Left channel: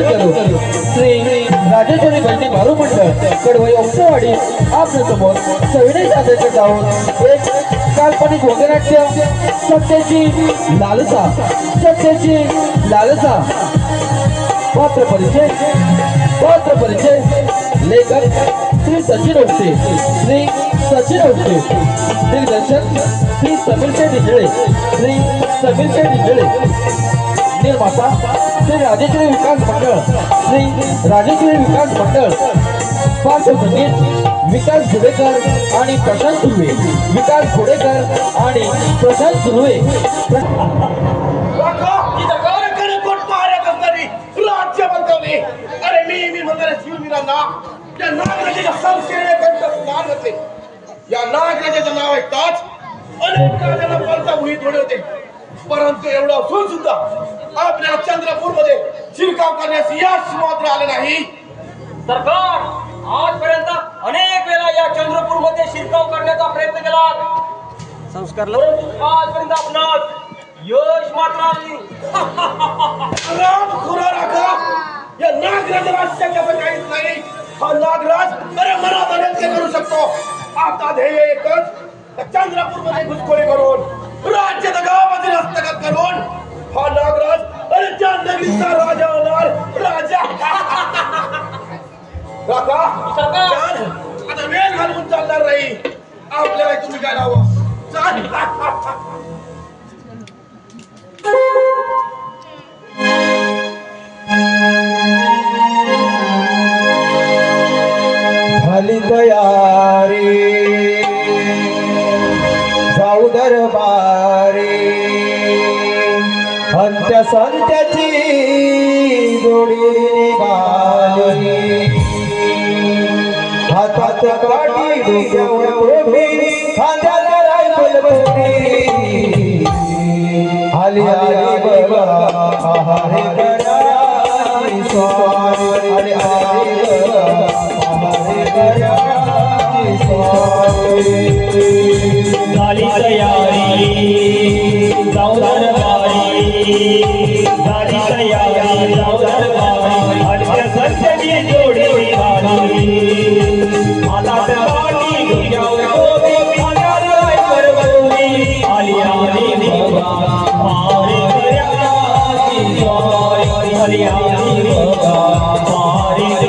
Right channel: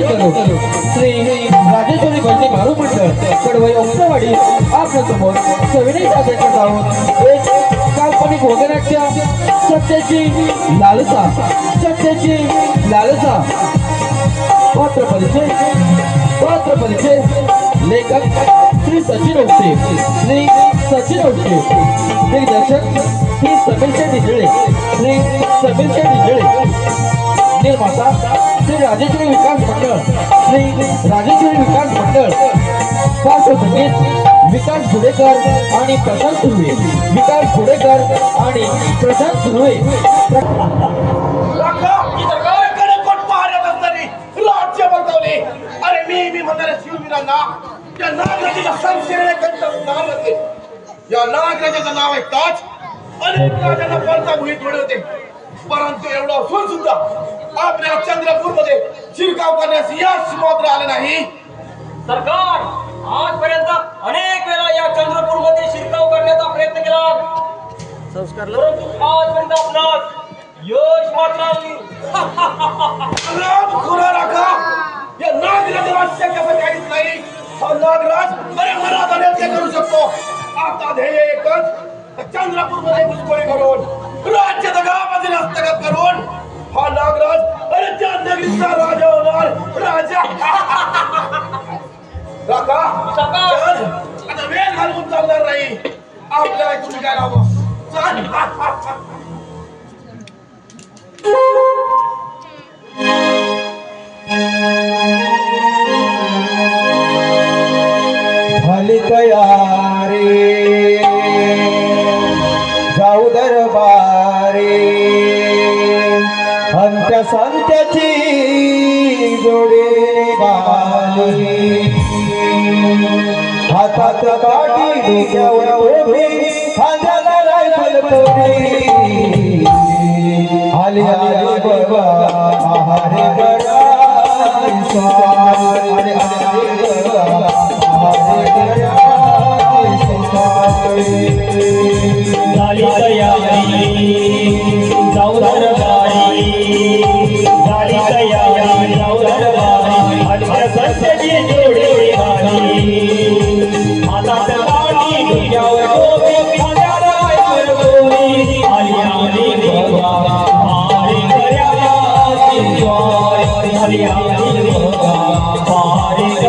नियोजन करू श्री राजेश्वरी गंजी मारू मंडळ कडवई ओक्सवाडी आपल्या समोर सविनय सादर जाऊन एक काल्पनिक वगनाट्य सत्याची लालसा पात्र परिचय लेखक श्री सचिन औषे दिग्दर्शक श्री समीर डिजळे निर्माता श्री राजेश्वरी विकास मंडळ पार्श्वसंगीत विकास घोडेकर आणि प्रशांत सुर्वे राज्य बंधवले अरे मी म्हणणाऱ्या शिववीरांना त्या नागराजाच्या संशयाने नाव घातले. या नागराजाचं नाव ऐकताच अनेक राजांना पळताभुई थोडे होते, परंतु एवढं असून सुद्धा आपल्या चंद्रपूर मध्ये शिरकाव करण्यास यश मात्र आलं नाही. सरकार आजपर्यंत अनेक वेळा या चंद्रपूर मध्ये शिरकाव करण्याचा प्रयत्न केला, परंतु आजपर्यंत आपणास यश मात्र आले. राम खुरा राखा या नागराज राष्ट्राचं काहीच नाही. हा नागराज अरे मनात आले ते करू शकतो. आता ध्येय एकच, चंद्रपूर मध्ये घुसखोरी करून राज्य दगाबाजी हस्तगत करून हा नागराज अरे त्या नगरीचा राजा होणार. राजा काका आता वेळ घालवून चालणार नाही. आपल्याला तुम्ही काय लावा झाली तयारी जाऊ दरबारी अंत्य संत्याची जोडी बाली हातात काठी डोक्यावर टोपी खांद्याला रायफल बोटी आली आली बघा आहारे बघा स्वामी आले आले बघा आहारे बघा झाली तयारी जाऊ दरबारी झाली तयारी जाऊ दरबारी अंत्य संत्याची जोडी बाली हातात काठी डोक्यावर टोपी खांद्याला रायफल बोटी आली आली बघा मारे दर्याची ज्वारी आली आली बघा मारे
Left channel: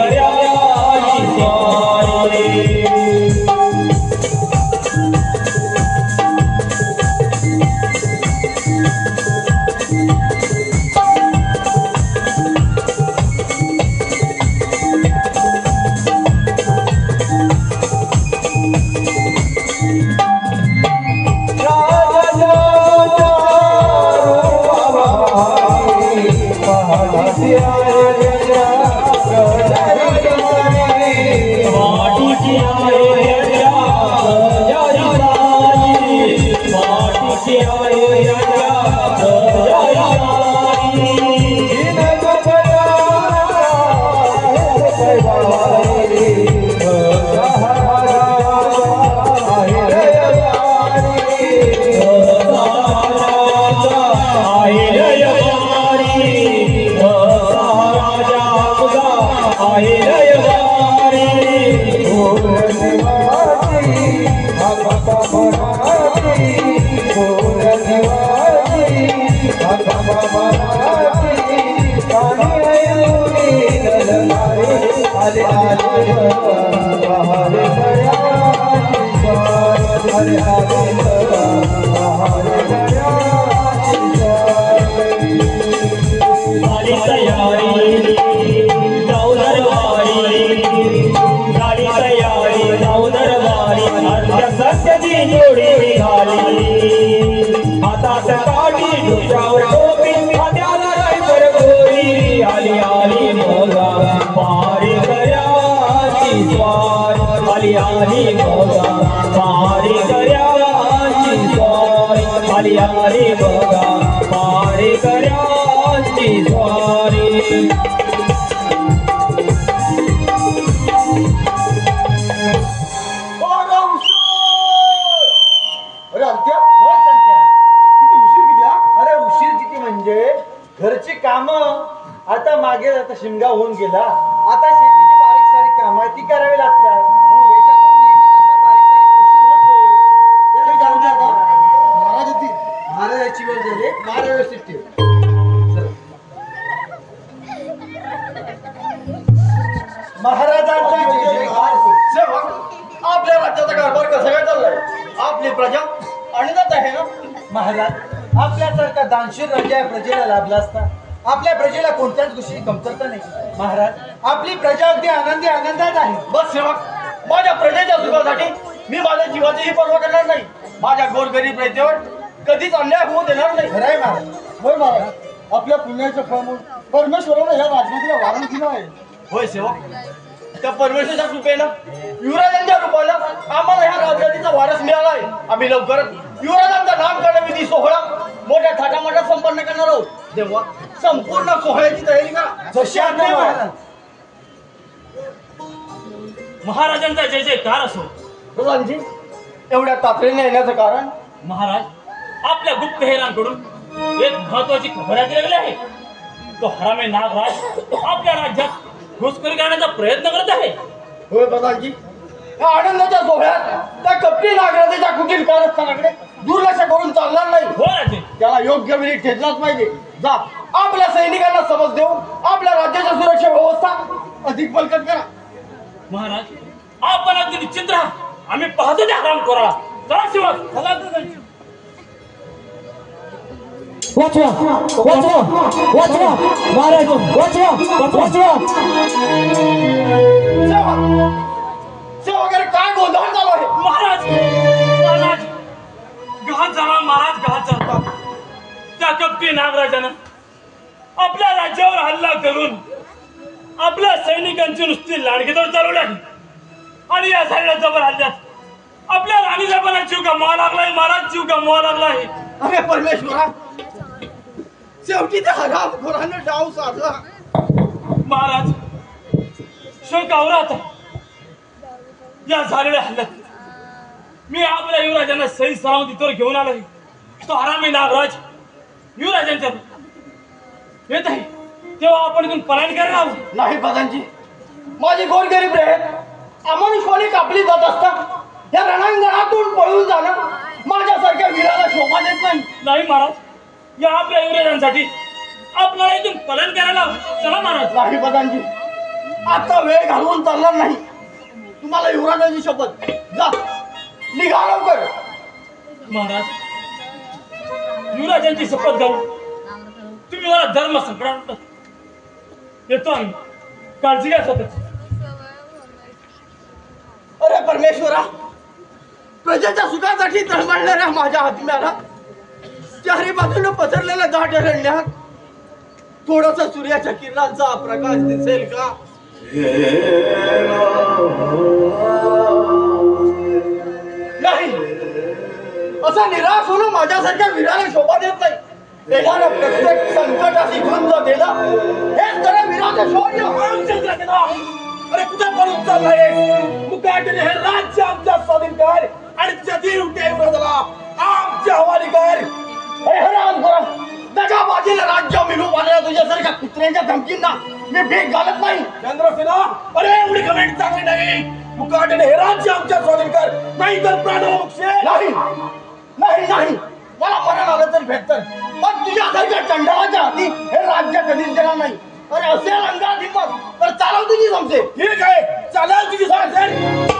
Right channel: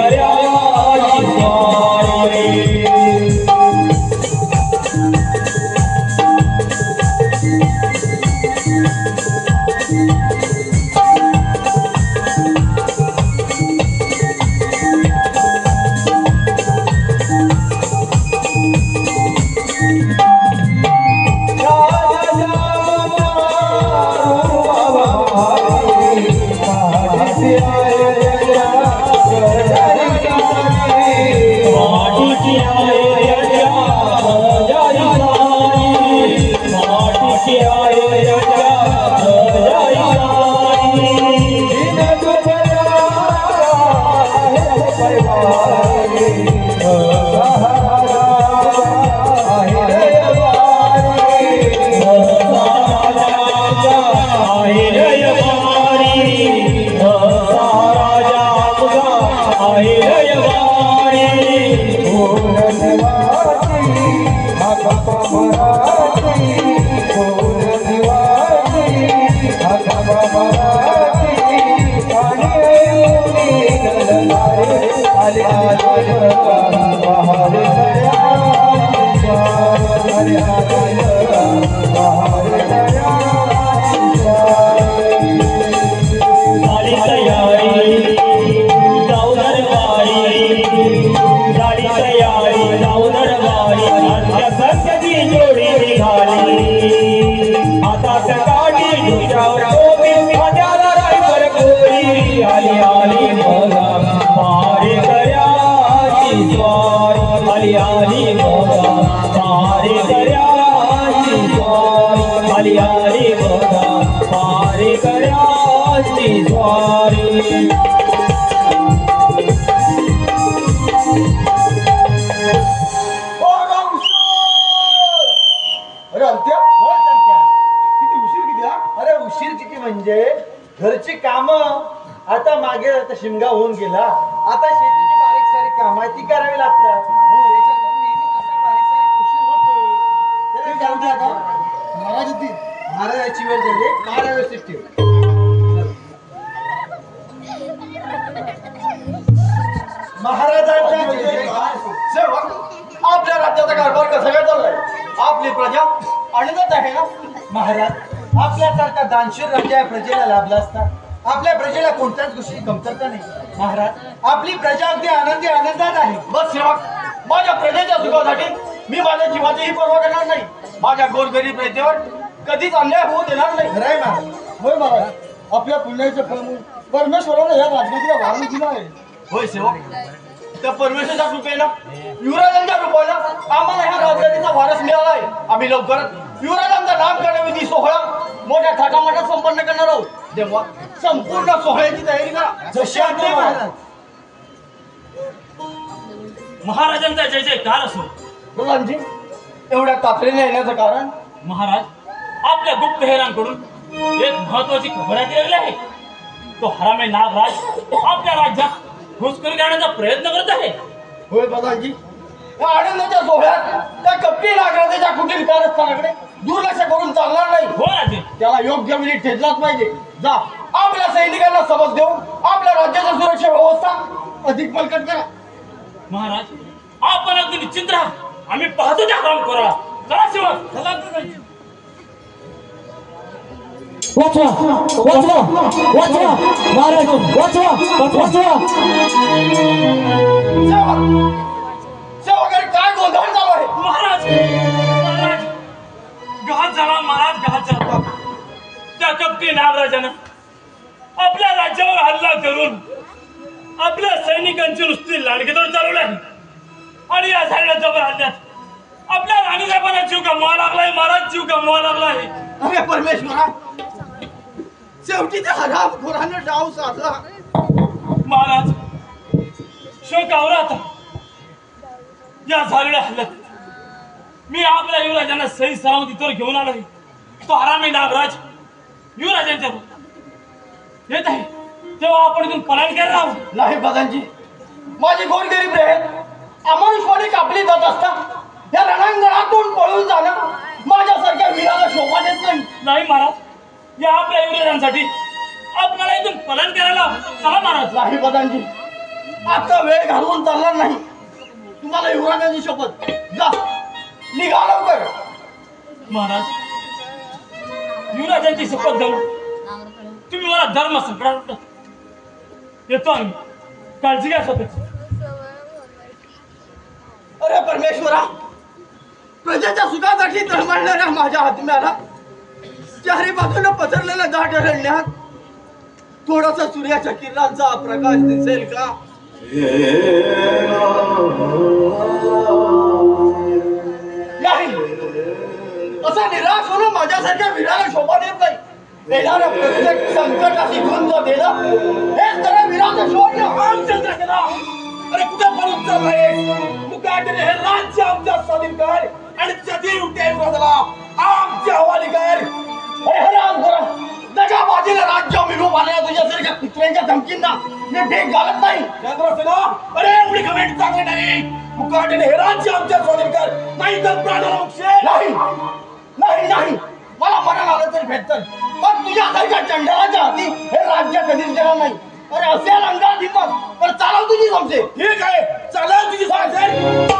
दर्याची ज्वारी. आता मागे आता शिमगा होऊन गेला. आता शेतीची बारीक सारीक कामं ती करावी लागतात. त्याच्यातून नेहमी असा बारीक सारीक उशीर होतो. त्याला जाऊ दे आता. महाराजाची वेळ झाली. महाराज व्यवस्थित ठेव. महाराजांचा जय जयकार. सेवक, आपल्या राज्याचा कारभार कसा काय चाललाय? आपली प्रजा आनंदात आहे ना? महाराज, आपल्यासारखा दानशीर राजा या प्रजेला लाभला असता. आपल्या प्रजेला कोणत्याच गोष्टीची कमतरता नाही. महाराज, आपली प्रजा अगदी आनंदात आहे. बस सेवक, माझ्या प्रजेच्या सुखासाठी मी माझ्या जीवाचीही पर्वा करणार नाही. माझ्या गोरगरीब प्रजेवर कधीच अन्याय होऊ देणार नाही. खरंय महाराज. होय महाराज, आपल्या पुण्याचं फळ म्हणून परमेश्वरानं या राजमातीला वारण दिलं आहे. होय सेवक, त्या परमेश्वराच्या कृपेनं युवराजांच्या रूपानं आम्हाला ह्या राजगादीचा वारस मिळाला आहे. आम्ही लवकरच युवराजांचा नामकरण विधी सोहळा मोठ्या थाटामाटात संपन्न करणार आहोत. तेव्हा संपूर्ण सोहळ्याची तयारी करा. जशी आज्ञा महाराज. महाराजांचा जय जयकार असो. प्रधानजी, एवढ्या तातडीने येण्याचं कारण? महाराज, आपल्या गुप्तहेरांकडून एक महत्वाची खबर हाती लागली आहे. तो हरामी नागराज आपल्या राज्यात घुसखोरी करण्याचा प्रयत्न करत आहे. होय प्रधानजी, या आनंदाच्या सोहळ्यात त्या कपटी नागराजाच्या कुटील कारस्थानाकडे दुर्लक्ष करून चालणार नाही. हो राजे, त्याला योग्य वेळी ठेचलाच पाहिजे. जा, आपल्या सैनिकांना समज देऊन आपल्या राज्याच्या सुरक्षा व्यवस्था अधिक बलकट करा. महाराज, आपण अगदी निश्चिंत राहा. आम्ही पाहतो त्या काम करा. चला शिवाय, चला वाचवा वाचवा वाचवा महाराज, वाचवा वाचवा. वगैरे काय गोंधळ चालू आहे? महाराज, महाराज, घात झाला महाराज, घात झाला. त्या कपटी नागराजानं आपल्या राज्यावर हल्ला करून आपल्या सैनिकांची नुसती लाडकीतोड चालवली आहे. आणि या झालेल्या जबर हल्ल्यात आपल्या राणीसाहेबांना जीव गमवावा लागलाय. महाराज, जीव गमवावा लागलाय. अरे परमेश्वरा, शेवटी त्या हरामखोरानं डाव साधला. महाराज, शोकावर आता या झालेल्या हल्ल्यात मी आपल्या युवराजांना सही सलामतीवर घेऊन आलो. तो हरामी नागराज युवराजांच्या येत आहे, तेव्हा आपण इथून पलायन करायला हवं. नाही प्रधानजी, माझी गोरगरीब रे अमानुषपणे कापली जात असतात. या रणांगणातून पळून जाणं माझ्यासारख्या वीराला शोभा देत नाही. नाही महाराज, या आपल्या युवराजांसाठी आपल्याला इथून पलायन करायला हवं. चला महाराज. नाही प्रधानजी, आता वेळ घालवून चालणार नाही. तुम्हाला युवराजांची शपथ. जा, निघा लवकर. महाराज, युवराजांची शपथ घालून तुम्ही मला धर्म संकटात येतो. आम्ही काळजी घ्या स्वतःची. अरे परमेश्वरा, प्रजेच्या सुखासाठी तळमळणाऱ्या माझ्या आत्म्याला चारी बाजूने पसरलेल्या दाट अरण्यात थोडासा सूर्याच्या किरणांचा प्रकाश दिसेल का? नाही, असा निराश होणं माझ्यासारख्या वीराला शोभा देत नाही. येणाऱ्या प्रत्येक संकटाची झुंज देणं हेच जरा वीराचं शौर्य. रामचंद्र, अरे कुठे पळून चाललाय? मुकाटने हे राज्य आमच्या स्वाधीन कर आणि जतीव देवराजाला आमच्या हवाली कर. अरे हराम खोरा, दगाबाजीने राज्य मिळवून आलेल्या तुझ्यासारख्या कुत्र्यांच्या धमकींना मी भीक घालत नाही. चंद्रसेना, अरे एवढी कमेंट चांगली नाही. मुकाटने हे राज्य आमच्या स्वाधीन कर, नाही तर प्राणाला मुक्षे. नाही नाही नाही, मला मरण आलं तरी भेटतं, पण तुझ्यासारख्या चंडाळाच्या हाती हे राज्य कधीच देणार नाही. अरे असेल अंगात हिंमत तर चालव तुझी जमते. ठीक आहे, चालव तुझी सांगते.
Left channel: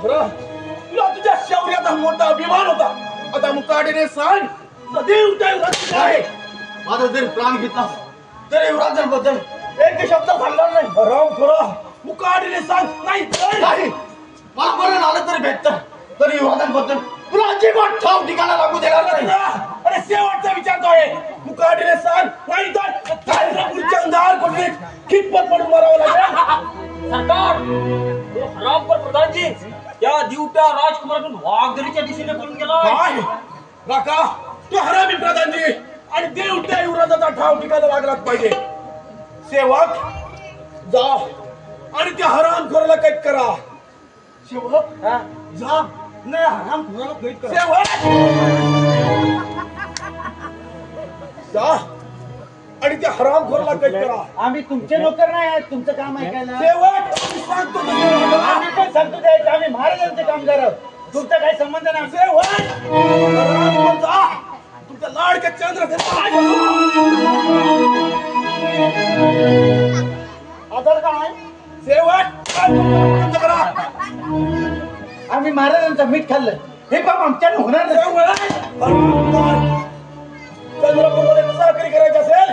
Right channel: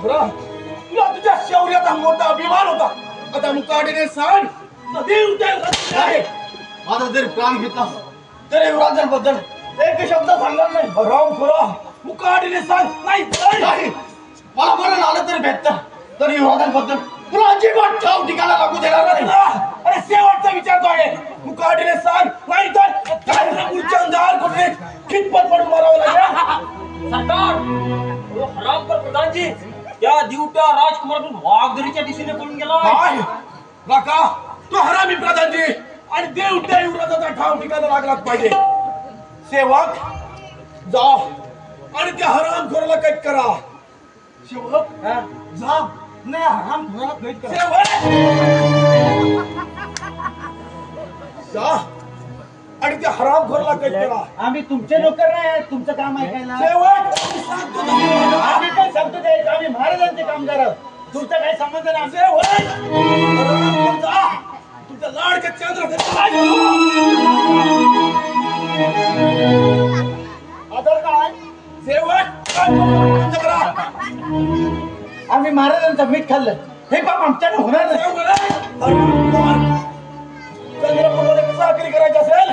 तुला तुझ्या शौर्याचा मोठा अभिमान होता. आता मुकाटीने सांग, सदैव देवराज आहे. माझा जरी प्राण घेतला तरी युवराजांबद्दल एक शब्द सांगणार नाही. राम खुरा, मुकाटीने सांग. नाही नाही, मला मरण आलं तरी भेटतं, तरी विवादांबद्दल तुला अजिबात ठाव ठिकाणा लागू देणार नाही ना. अरे शेवटचा विचारतोय मुकाटीने सांग, नाही तर चंद्रपूरच्या अंधार कुठे कितपत पडून मारावं लागेल. सरकार तो हरामपर प्रधानजी त्या दिवट्या राजकुमारातून वाघदरीच्या दिशेने पळून गेला. काय काका, तो हरामी प्रधानजी आणि देवट्या युवराजाचा ठाव ठिकाणा लागलाच पाहिजे. सेवक जा आणि त्या हरामखोराला कैद करा. सेवक जा, नाही हरामखोराला कैद करा. सेवक जा आणि त्या हरामखोराला कैद करा. आम्ही तुमचे नोकर नाही आहेत, तुमचं काम ऐकायला. सेवक सांगतो तसं वागा. आम्ही पण सांगतो द्यायचं, आम्ही महाराजांचे कामगार आहोत. तुमचा काही संबंध नाही. सेवक हरामखोर जा, तुमच्या लाडक्या चंद्र आधार काय? सेवक बंद करा. आम्ही महाराजांचं मीठ खाल्लं, हे पाप आमच्यानं होणार नाही. चंद्रपूरमध्ये चाकरी करायची असेल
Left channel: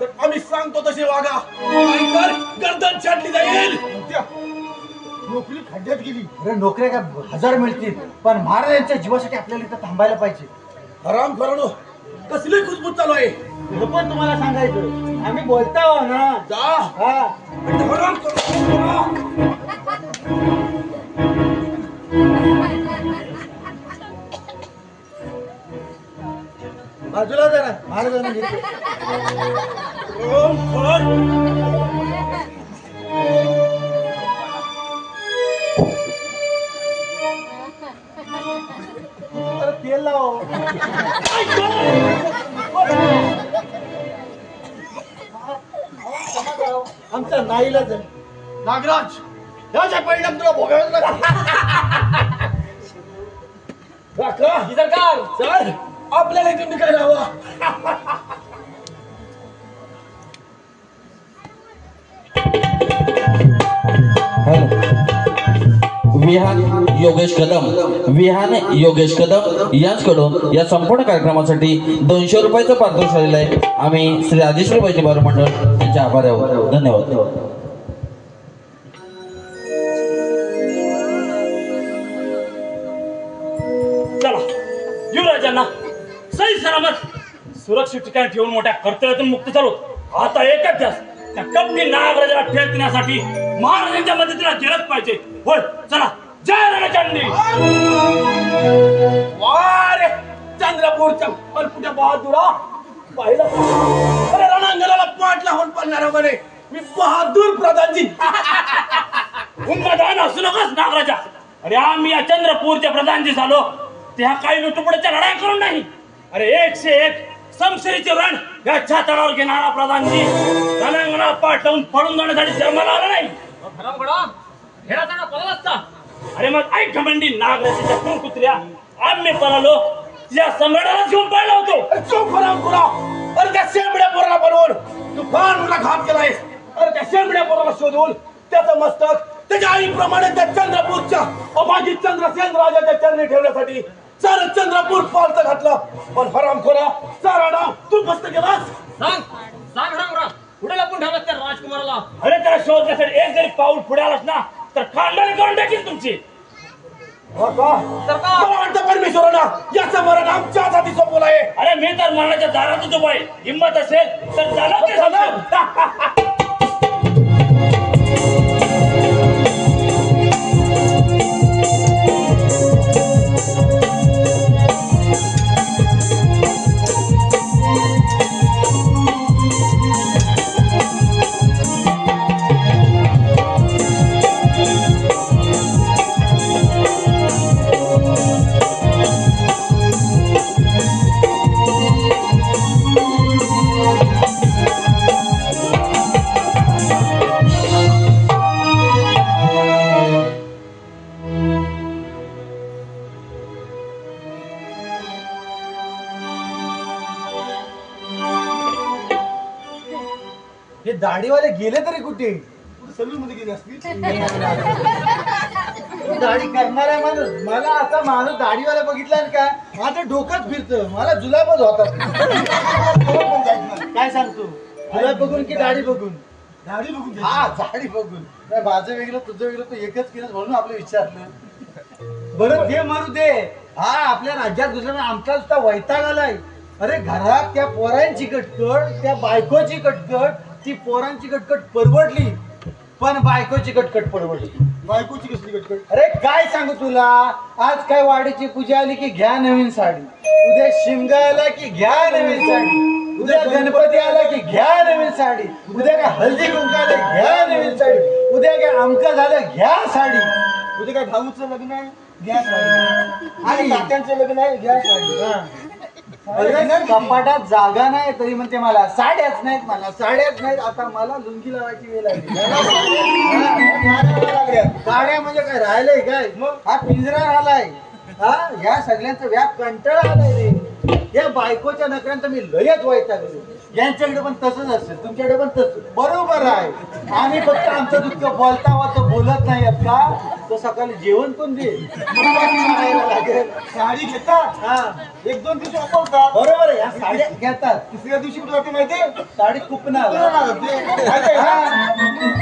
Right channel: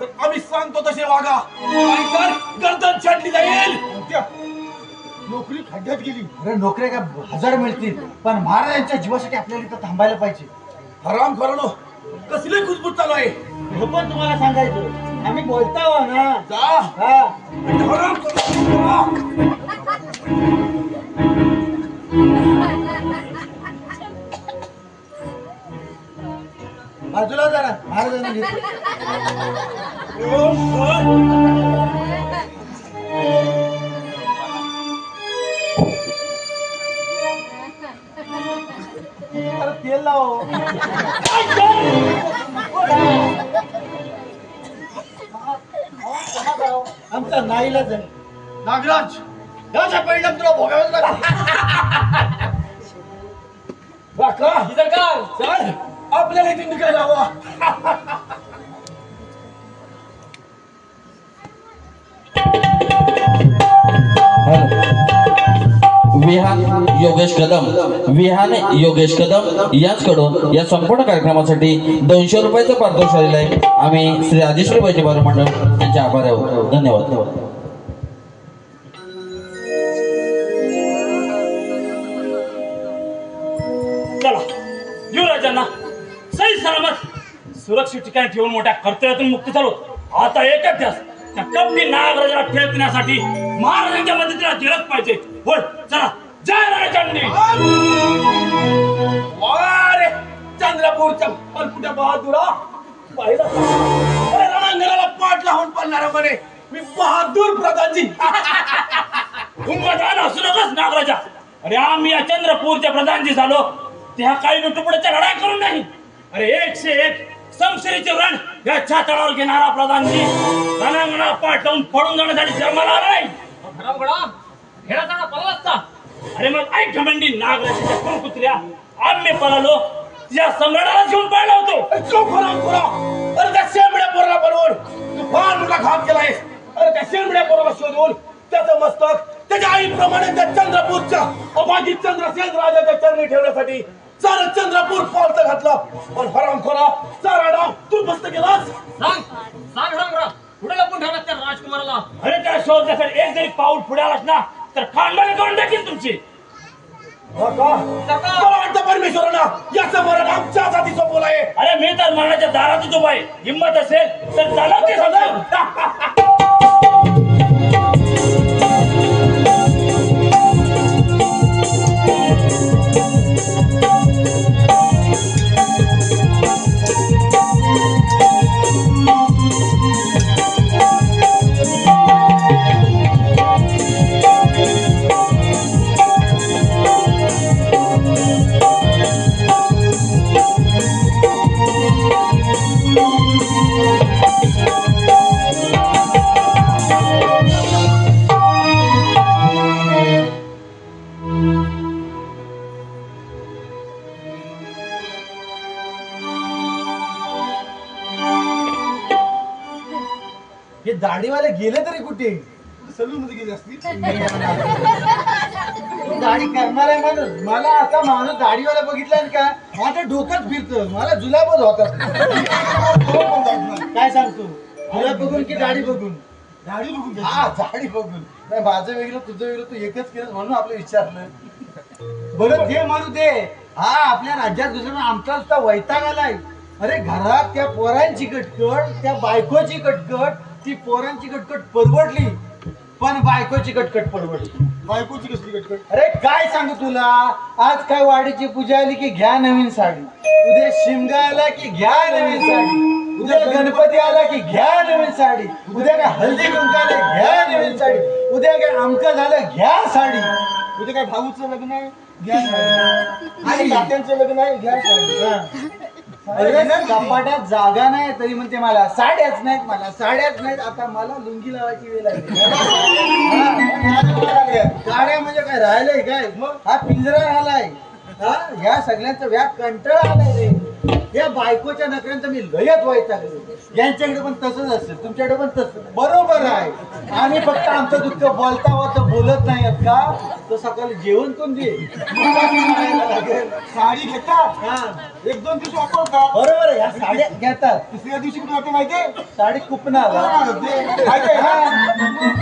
तर आम्ही सांगतो तसे वागा, नाहीतर गर्दन छाटली जाईल. नोकरी खड्ड्यात गेली. अरे नोकऱ्या का 1000 मिळतील, पण महाराजांच्या जीवासाठी आपल्याला इथं थांबायला पाहिजे. हराम खरानो कसली कुजबूज चालू आहे. हे पण तुम्हाला सांगायचं, आम्ही बोलताव ना. जा हा, आणि हराम खरानो बाजूला जरा, महाराजांना घेतो. अरे तेल लाव. आमचा नाईलाज आहे. नागराज, याच्या परिणाम तुला भोगावेच लागतील. काका, सरकार सर आपल्याला इथे निघायला हवा. विहान योगेश कदम, विहान योगेश कदम यांच्याकडून या संपूर्ण कार्यक्रमासाठी 200 रुपयाचं पारितोषिक आलेलं आहे. आम्ही श्री आदिश्री वैद्य बाल मंडळ यांचे आभारी आहोत. धन्यवाद. चला युवराजांना सही सलामत सुरक्षित ठिकाणी ठेवून मोठ्या कर्तव्यातून मुक्त झालो. आता एकच ध्यास, त्या कपटी नागराजाला ठेवण्यासाठी महाराजांच्या मदतीला गेलंच पाहिजे. होय चला, जय रणचंडी. वारे चंद्रपूरच्या पलपुट्या बहादुरा पाहिलं. अरे रणांगणाला पाठ लावून पडणार म्हणे मी बहादूर प्रधानजी. उन्मादान असू नकोस नागराजा. अरे आम्ही या चंद्रपूरच्या प्रधानजी झालो त्या काही लुटुपुटाच्या लढाई करून नाही. अरे 101 समशेरीचे रण या छाताडावर घेणारा प्रधानजी रणांगणाला पाठ लावून पडून जाण्यासाठी जन्माला नाही. अरे मग ऐक घमंडी नागराजाच्या कुत्र्या, आम्ही पळालो या सम्राटाला घेऊन पाहिला होतो. चोख खुरा. अरे त्या शेंबड्या पोराला बनवून तू फार मोठा घात केलाय. अरे त्या शेंबड्या पोराला शोधून त्याचं मस्तक त्याच्या आईप्रमाणे त्या चंद्रपूरच्या अमाजित चंद्रसेन राजाच्या चरणी ठेवण्यासाठी सारं चंद्रपूर पालत घातलं. पण हरामखोरा सारा डाव तू फस्त केलास. सांग रामराव, पुढे लपून ठेवलं त्या राजकुमाराला. अरे त्या शोधण्यासाठी एक जरी पाऊल पुढे आलास ना तर खानदानी करून टाकील तुमची. मला वाटतं परमेश्वरानं याचं मरण आमच्याच हाती सोपवलं आहे. अरे मी तर मरणाच्या दारातच उभा आहे. हिंमत असेल तर झालं ते झालं. हे दाढीवाले गेले तरी कुठे? सलून मध्ये गेली असतील. दाढी करणार आहे माणूस. मला आता माणूस दाढीवाला बघितलाय का माझं डोकंच फिरतं. मला जुलाबच होतात. काय सांगतो, जुलाब बघून की दाढी बघून? दाढी बघून घ्या. हा, दाढी बघून. नाही माझं वेगळं तुझं वेगळं, तू एकच केलं म्हणून आपलं विचारलं. बरं ते म्हणू दे. हा आपल्या राज्यात दुसऱ्या आमचा सुद्धा वैताग आलाय. अरे घरात त्या पोरांची कटकट, त्या बायकोची कटकट, ती पोरांची कटकट परवडली पण बायकोची कटकट परवडली. बायकोची कसली कटकट? अरे काय सांगू तुला, आज काय वाडीची पूजा आली की घ्या नवीन साडी, उद्या शिमगा आला की घ्या नवीन साडी, उद्या गणपती आला की घ्या नवीन साडी, उद्या काय हल्दी कुंकू आलं घ्या नवीन साडी, उद्या काय अमकं झालं घ्या साडी, उद्या काय भाऊचं लग्न आहे घ्या साडी, आणि नात्यांचं लग्न आहे घ्या साडी. अरे कपाटात जागा नाही तरी म्हणते मला साड्याच नाहीत, मला साड्याच नाहीत. आता मला लुंगी लावायची वेळ आली. साड्या म्हणजे काय राहिलंय काय? हा पिंजरा राहिलाय. हा ह्या सगळ्यांचं व्याप कंटाळा आलाय रे. या बायकोच्या नकऱ्यांचं मी लयच वैतागलो. यांच्याकडे पण तसंच असतं, तुमच्याकडे पण तसं. बरोबर आहे. आम्ही फक्त आमचं दुःख बोलता होता बोलत नाही का? तो सकाळी जेवण कोण दे साडी घेतात हा 1-2 दिवस वापरतात. बरोबर आहे. ह्या साड्या घेतात, तिसऱ्या दिवशी कुठे जाते माहितीये? साडी कुपनाला. माहितीये हा. का?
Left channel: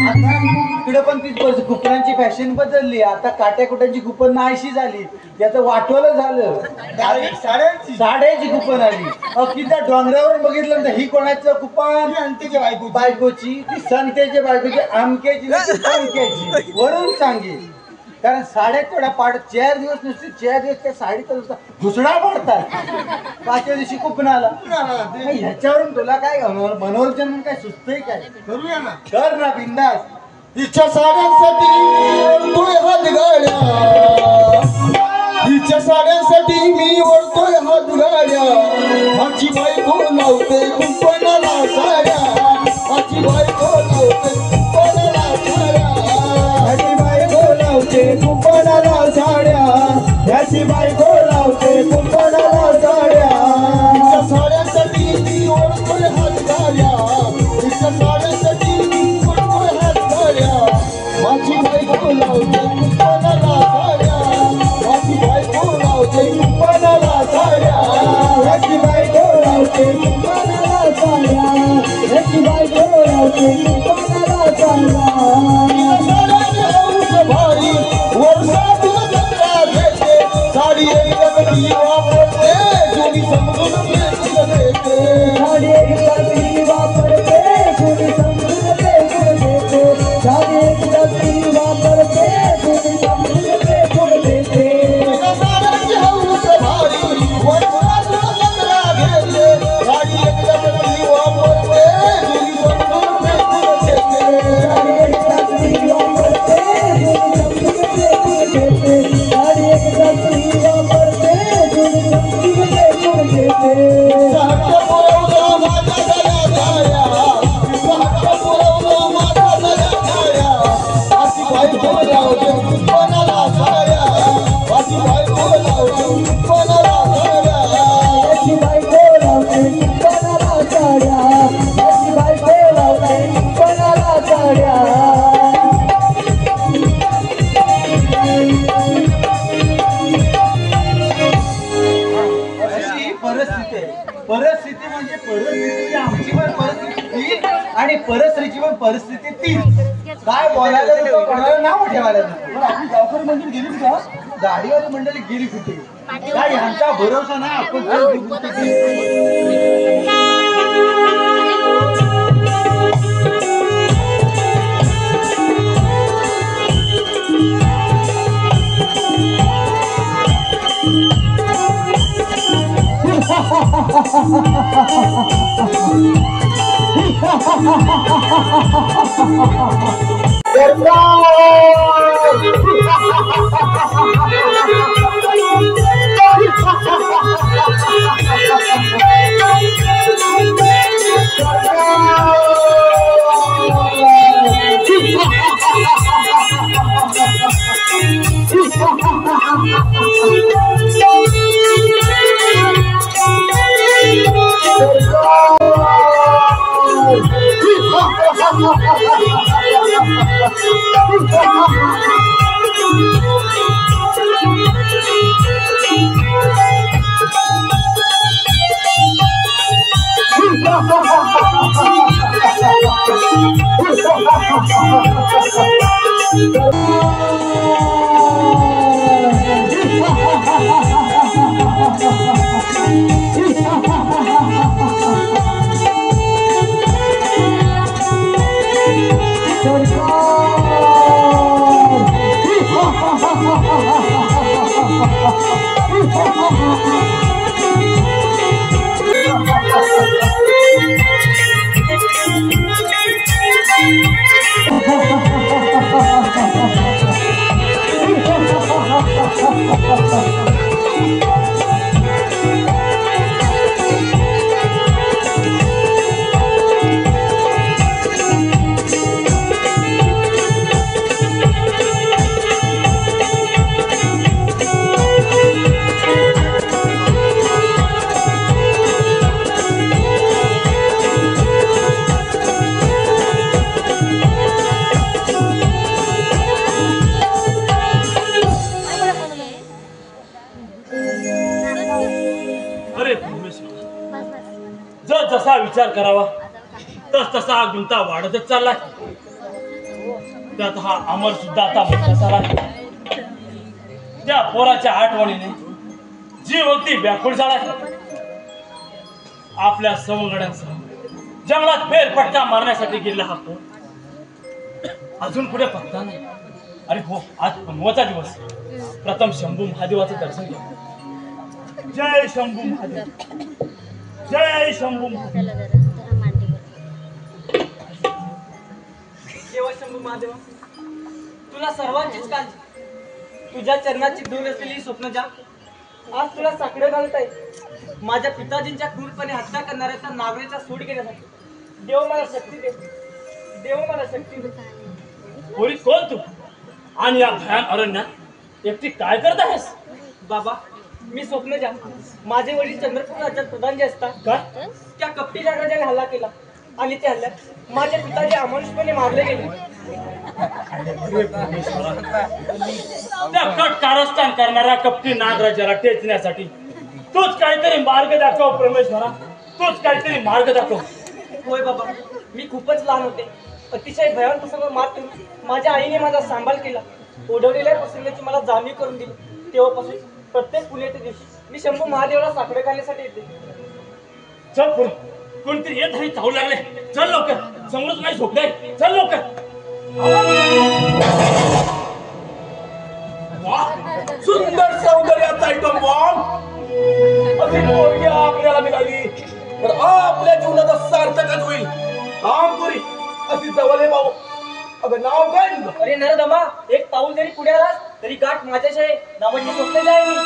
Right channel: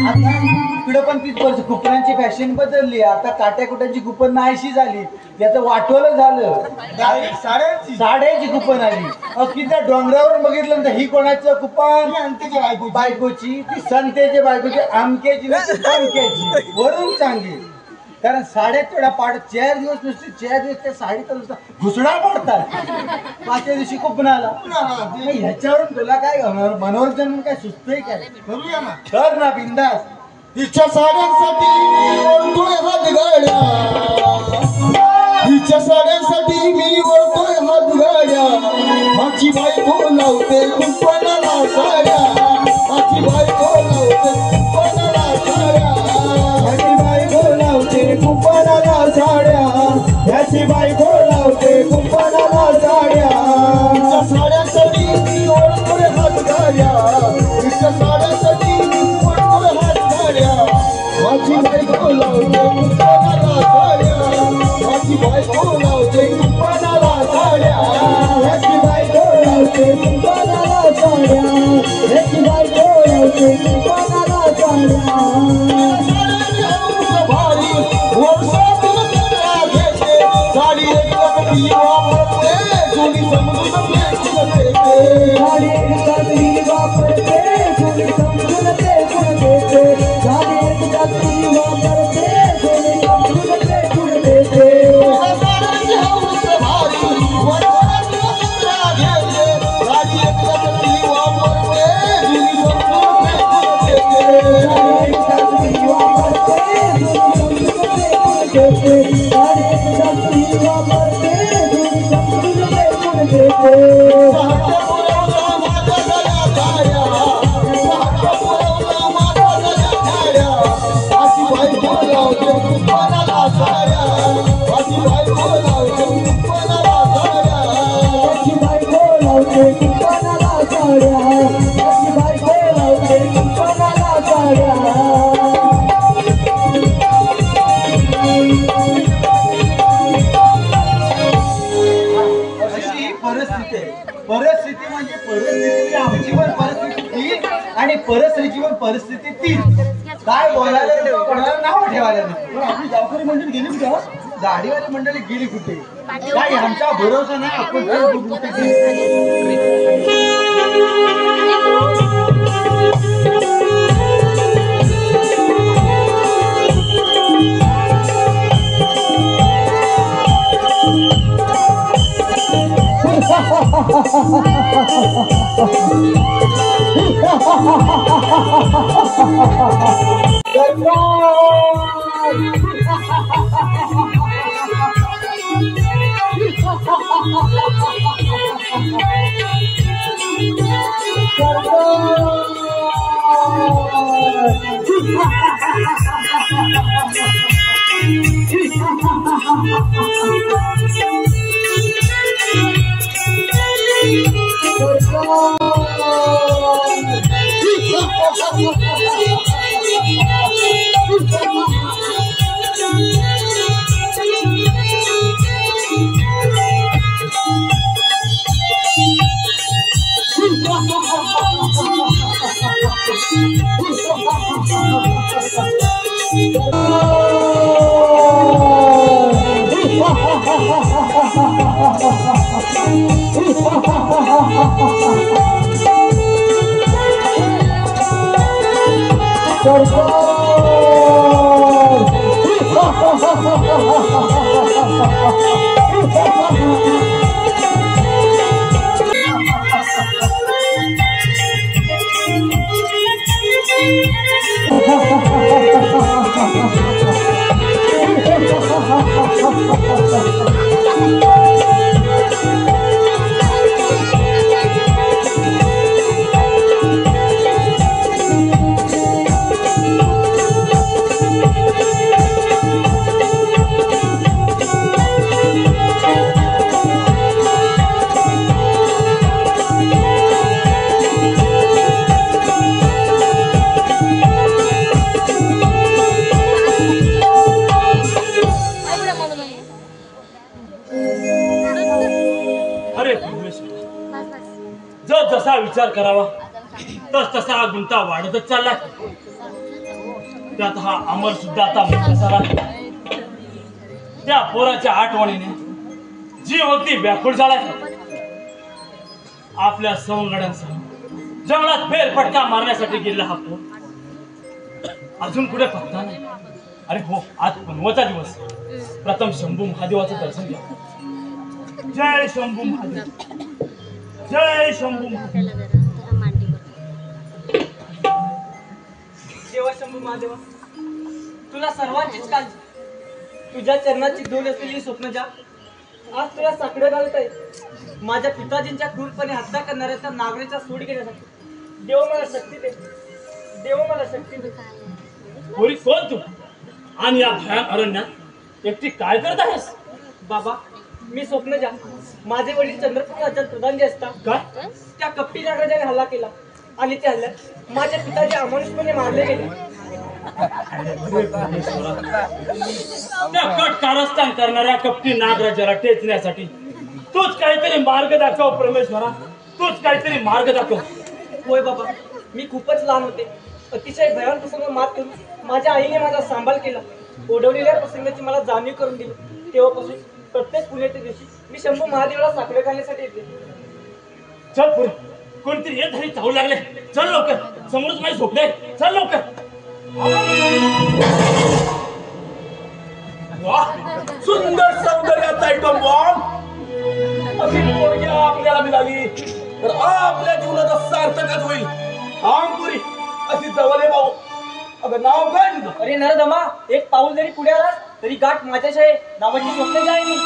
आता इकडं पण तीच परिस्थिती. कुपनांची फॅशन बदलली. आता काट्या कुट्यांची कुपन नाहीशी झाली. त्याचं वाटवलं झालं. डायरेक्ट साड्यांची साड्याची कुपन आली. किती डोंगरावर बघितलं तर ही कोणाचं कुपन? अंत्यच्या बायकोची. बायकोची. ती संतेच्या बायकोची, आमक्याची नाही संख्याची. वरून सांगे. कारण साड्या तेवढ्या पाड 4 दिवस नुसते 4 दिवस त्या साडीचा नुसता घुसडा पडतात. 5व्या दिवशी कुपनाला. ह्याच्यावरून तुला काय मनोरंजन म्हणून काय सुचतंय काय? करूया ना. कर ना बिंदास. तिच्या साड्यांसाठी ओढतोय हात गाड्या, तिच्या साड्यांसाठी मी ओढतोय हात गाड्या. माझी बायको लावते कुंपणाला साड्या, माझी बायको लावते कुंपणाला साड्या, माझी बायको लावते कुंपणाला साड्या, याची बायको लावते कुंपणाला साड्या. तिच्या साड्यांसाठी मी ओढतोय हात गाड्या, तिच्या साड्यांसाठी मी ओढतोय हात गाड्या. माझी बायको लावते कुंपणाला साड्या, माझी बायको लावते कुंपणाला साड्या, याची बायको लावते कुंपणाला साड्या, याची बायको लावते कुंपणाला साड्या. साड्याची हौस भारी वर्षातून जत्रा घेते, साडी एकदा मी वापरते, कोणी समजून घेते. साडी एकदा मी वापरते, कोणी समजून देते. साडी एकदा मी वापरते, कोणी समजून देते. साड्याची हौस भारी वर्षातून जत्रा घेते, साडी एकदा मी वापरते, कोणी समजून देते. साडी एकदा मी वापरते, कोणी समजून देते. साडी एकदा मी वापरते, कोणी समजून देते. साड्या पुरवलं माझ्या गळ्या धाऱ्या, साड्या पुरवलं माझ्या गळ्या धाऱ्या. अशी बायको लावते कुंपणाला साड्या, अशी बायको लावते कुंपणाला साड्या, अशी बायको लावते कुंपणाला साड्या, अशी बायको लावते कुंपणाला साड्या. अशी परिस्थिती आहे. परिस्थिती म्हणजे परिस्थिती आमची पण परिस्थिती ती आणि परिस्थितीची पण परिस्थिती ती. काय बोलायला नको, कोणाला नाव ठेवायला नको. आपली गावकरी मंडळी गेली का? गाडीवाली मंडळी गेली कुठे? काय आमचा भरोसा नाही. आपण कुठे गेली? विचार करावा तस तसा हा गुंता वाढतच चाललाय. त्यात हा अमर सुद्धा आता मोठा झाला. त्या पोराच्या आठवणीने जीव अगदी व्याकुळ झालाय. आपल्या सवंगड्यांसह जंगलात फेरफटका मारण्यासाठी गेला हा पोर अजून कुठे पत्ता नाही. अरे हो, आज पुनवाचा दिवस. प्रथम शंभू महादेवाचं दर्शन घ्या. जय शंभू महादेव, जय शंभू महादेव. देवा शंभू महादेव, तुला सर्वांचीच काळजी. तुझ्या चरणाची धूल असलेली स्वप्नजा आज तुला साकडं घालत आहे. माझ्या पिताजींच्या क्रूरपणे हत्या करणाऱ्याचा नागरेचा सूड घेण्यासाठी. देव मला शक्ती दे, देव मला शक्ती दे. पोरी कोण तू आणि या भयान अरण्यात एकटी काय करत आहेस? बाबा, मी स्वप्नजा. माझे वडील चंद्रपूर राज्यात प्रधानजी असतात. काय त्या कपटी नागराजाने हल्ला केला आणि त्या हल्ल्यात माझे पिताजी अमानुषपणे मारले गेले. त्या कट कारस्थान करणाऱ्या कपटी नागराजाला टेचण्यासाठी तूच काहीतरी मार्ग दाखव परमेश्वरा, तूच काहीतरी मार्ग दाखव. होय बाबा, मी खूपच लहान होते. अतिशय भयान प्रसंग मात करून माझ्या आईने माझा सांभाळ केला. ओढवलेल्या प्रसंगाची मला जाणीव करून दिली. तेव्हापासून प्रत्येक पुण्याच्या दिवशी मी शंभू महादेवाला साकडे घालण्यासाठी येते. चल पुढे, कोणतरी येत नाही, धावू लागले. चल लवकर, समोरच नाही झोपले. चल लवकर. सुंदर सौंदर्याचा आयटम बॉम्ब अशी पोरगी आपल्याला मिळाली तर आपल्या जीवनाचा सार्थकच होईल. आमपुरी अशी जवळ भाऊ. अगं नाव काय तुझं? अरे नरदमा, एक पाऊल जरी पुढे आलास तरी गाठ माझ्याच आहे. नावाची स्वप्न आहे मी.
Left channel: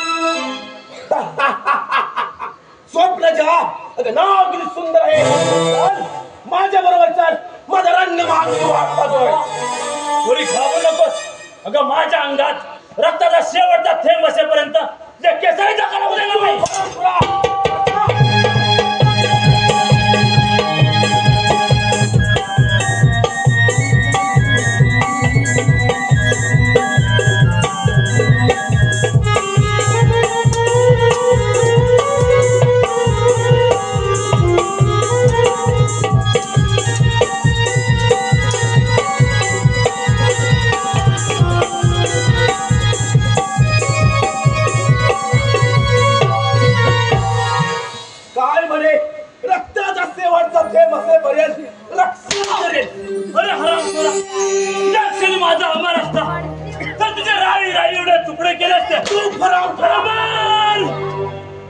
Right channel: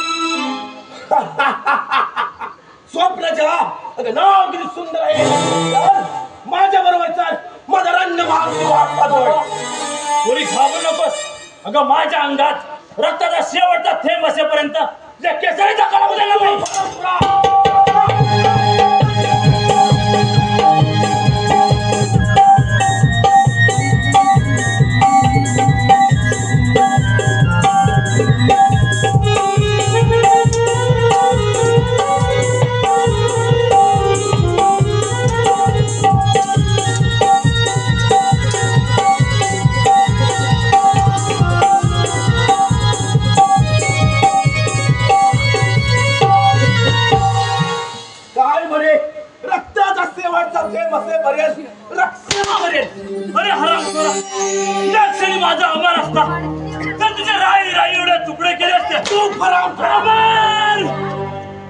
स्वप्नजा, अगं नाव किती सुंदर आहे. चल माझ्या बरोबर चाल. माझा रंग पाहतोय. पोरी घाबरू नकोस. अगं माझ्या अंगात रक्ताचा शेवटचा थेंब असेपर्यंत या केसरीचा काळा बदलणार नाही. अरे हराम खोरा, त्या क्षणी माझा अमर असता तर तुझे राई राई एवढे तुकडे केले असते. तू हराम अमर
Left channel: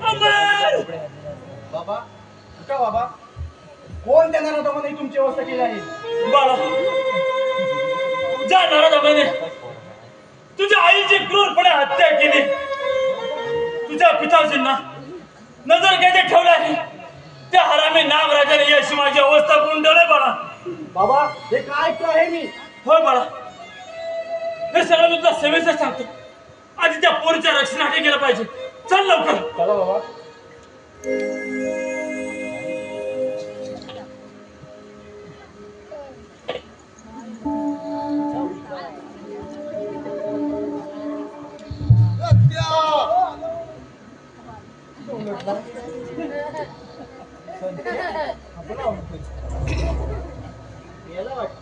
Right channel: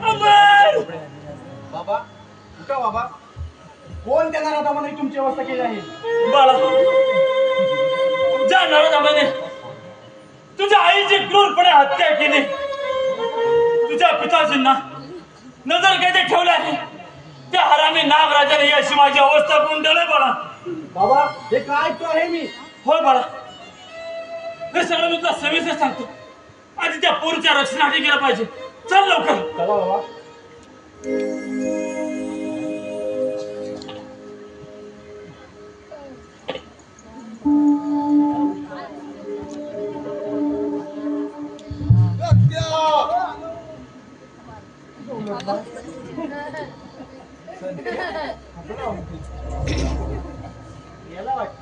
अमर. बाबा उठा बाबा. कोण त्या नराधामाने तुमची अवस्था केली आहे? बाळा, ज्या नराधामाने तुझ्या आईची क्रूरपणे हत्या केली, तुझ्या पिताजींना नजर कैदेत ठेवले आहे, त्या हरामी नागराजाने ही अशी माझी अवस्था करून ठेवलंय बाळा. बाबा हे काय ऐकतो आहे मी? होय बाळा, हे सगळं मी तुला सविस्तर सांगतो. आधी त्या पोरीच्या रक्षणासाठी गेलं पाहिजे. चल लवकर. चला बाबा. याला वाटत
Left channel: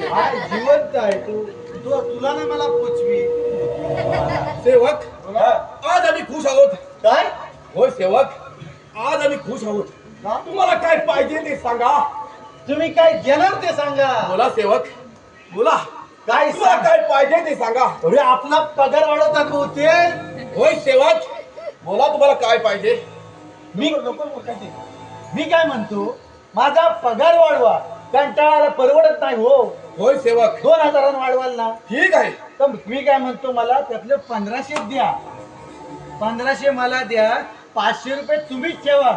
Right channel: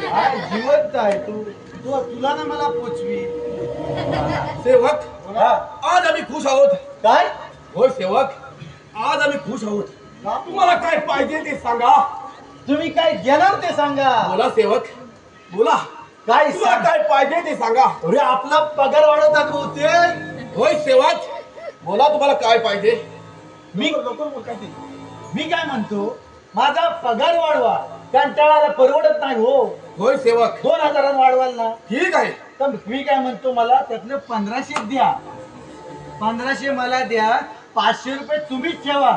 काय जिवंत आहे तू. तुला ना मला पोचवी. सेवक, आज आम्ही खुश आहोत. काय? होय सेवक, आज आम्ही खुश आहोत. तुम्हाला काय पाहिजे ते सांगा. तुम्ही काय घेणार ते सांगा. बोला सेवक, बोला. काय तुम्हाला काय पाहिजे ते सांगा. अरे आपला पगार वाढवतात होते. होय सेवक, बोला तुम्हाला काय पाहिजे. मी काय म्हणतो, माझा पगार वाढवा. कंटाळाला परवडत नाही हो. होय सेवक, 2000 वाढवाल ना. ठीक आहे. तर मी काय म्हणतो, मला त्यातलं 1500 द्या. 1500 मला द्या. 500 रुपये तुम्हीच ठेवा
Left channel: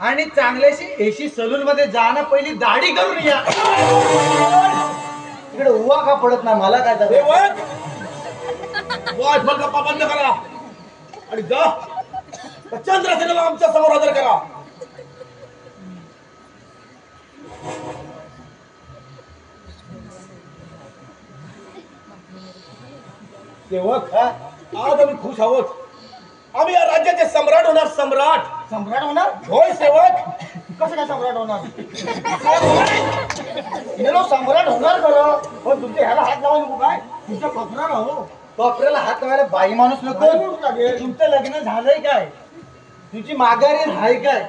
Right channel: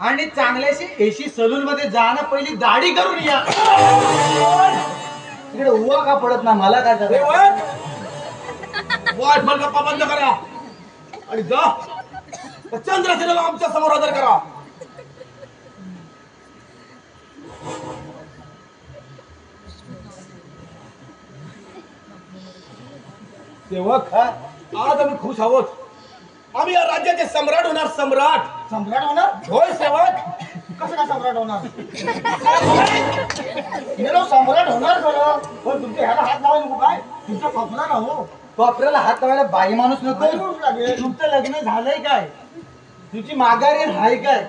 आणि चांगल्याशी एसी सलून मध्ये जाणं, पहिली दाढी करून या. तिकडे उभा का पडत ना मला काय झालं? सेवक, वायफल गप्पा बंद करा आणि जा चंद्रसेनाला आमच्या समोर हजर करा. सेवक, आज आम्ही खुश आहोत. आम्ही या राज्याचे सम्राट होणार. सम्राट सम्राट होणार. होय सेवक, कसं काय सम्राट होणार हिरो सम्राट होणार खरं पण तुमच्या ह्याला हात लावायला नको काय तुमचं खपरा ना हो कॉपऱ्याला हात लावायला बाई माणूस नको. तुमचं लग्न झालंय काय? तुमची माघारी आहे काय?